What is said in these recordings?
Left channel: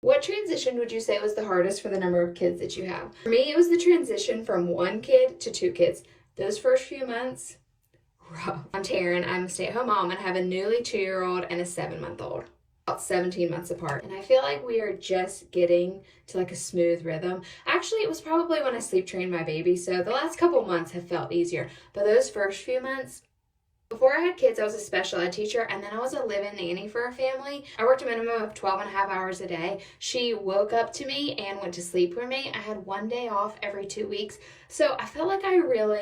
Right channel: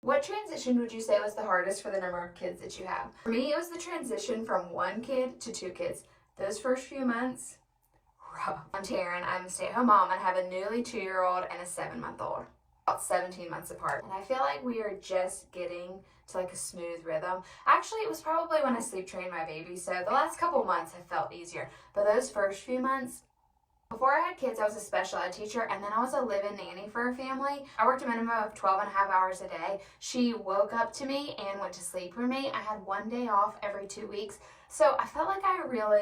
What transition would you say was the hardest for the number of kids that you have? For me, it was the transition from 1 kid to 2 kids. Those first few months, rough. I'm Taryn. I'm a stay-at-home mom and have a newly 2-year-old and a 7-month-old. About 17 months apart. And I feel like we are just getting to like a smooth rhythm. Actually, it was probably when I sleep trained my baby, so the last couple months have felt easier. But those first few months, before I had kids, I was a special ed teacher, and then I was a live-in nanny for a family. I worked a minimum of 12 and a half hours a day. She woke up to me and went to sleep with me. I had 1 day off every 2 weeks. So I felt like I really,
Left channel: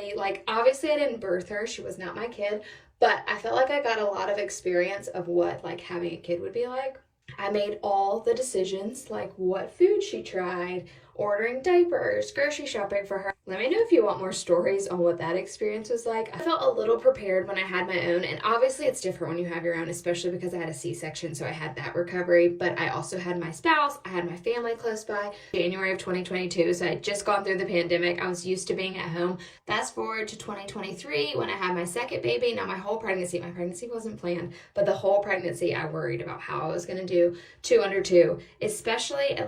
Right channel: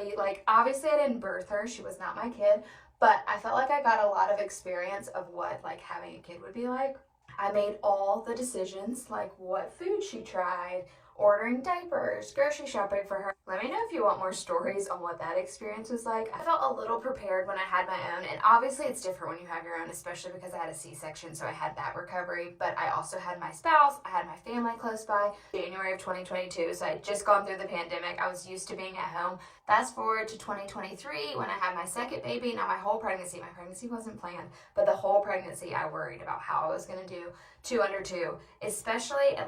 obviously I didn't birth her. She was not my kid, but I felt like I got a lot of experience of what having a kid would be like. I made all the decisions, like what food she tried, ordering diapers, grocery shopping for her. Let me know if you want more stories on what that experience was like. I felt a little prepared when I had my own, and obviously it's different when you have your own, especially because I had a C-section, so I had that recovery, but I also had my spouse, I had my family close by. January of 2022, so I had just gone through the pandemic. I was used to being at home. Fast forward to 2023 when I had my second baby. Now my pregnancy wasn't planned, but the whole pregnancy I worried about how I was going to do 2 under 2, especially at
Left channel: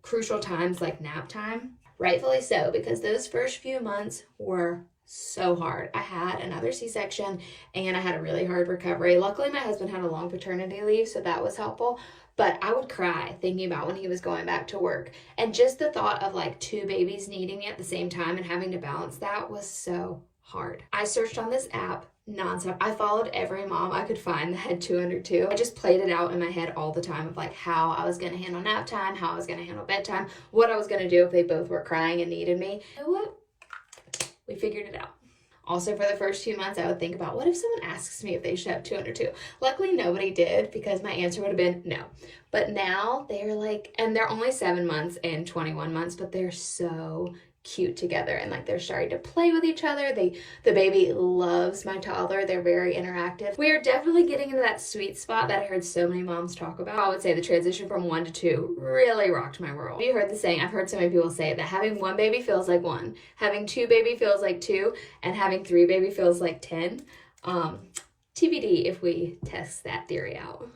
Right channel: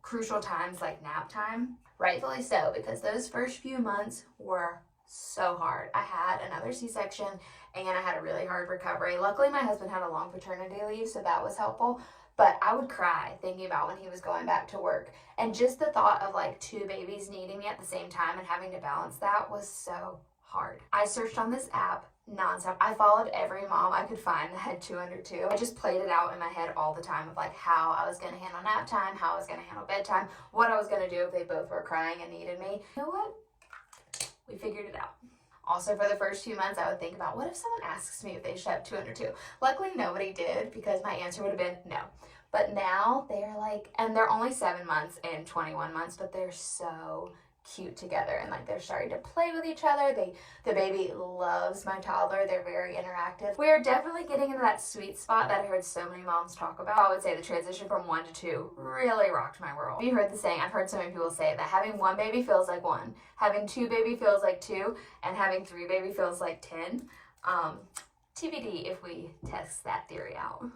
crucial times like nap time. Rightfully so, because those first few months were so hard. I had another C-section and I had a really hard recovery. Luckily, my husband had a long paternity leave, so that was helpful. But I would cry thinking about when he was going back to work. And just the thought of 2 babies needing me at the same time and having to balance that was so hard. I searched on this app nonstop. I followed every mom I could find that had 2 under 2. I just played it out in my head all the time of how I was going to handle nap time, how I was going to handle bedtime, what I was going to do if they both were crying and needed me. You know what? We figured it out. Also, for the first few months, I would think about, what if someone asks me if they should have 2 under 2? Luckily, nobody did, because my answer would have been no. But now they're and they're only 7 months and 21 months, but they're so cute together, and they're starting to play with each other. The baby loves my toddler. They're very interactive. We are definitely getting into that sweet spot that I heard so many moms talk about. I would say the transition from 1 to 2 really rocked my world. You heard the saying, I've heard so many people say that having 1 baby feels like 1, having 2 baby feels like 2, and having 3 baby feels like 10. TBD if we test that theory out.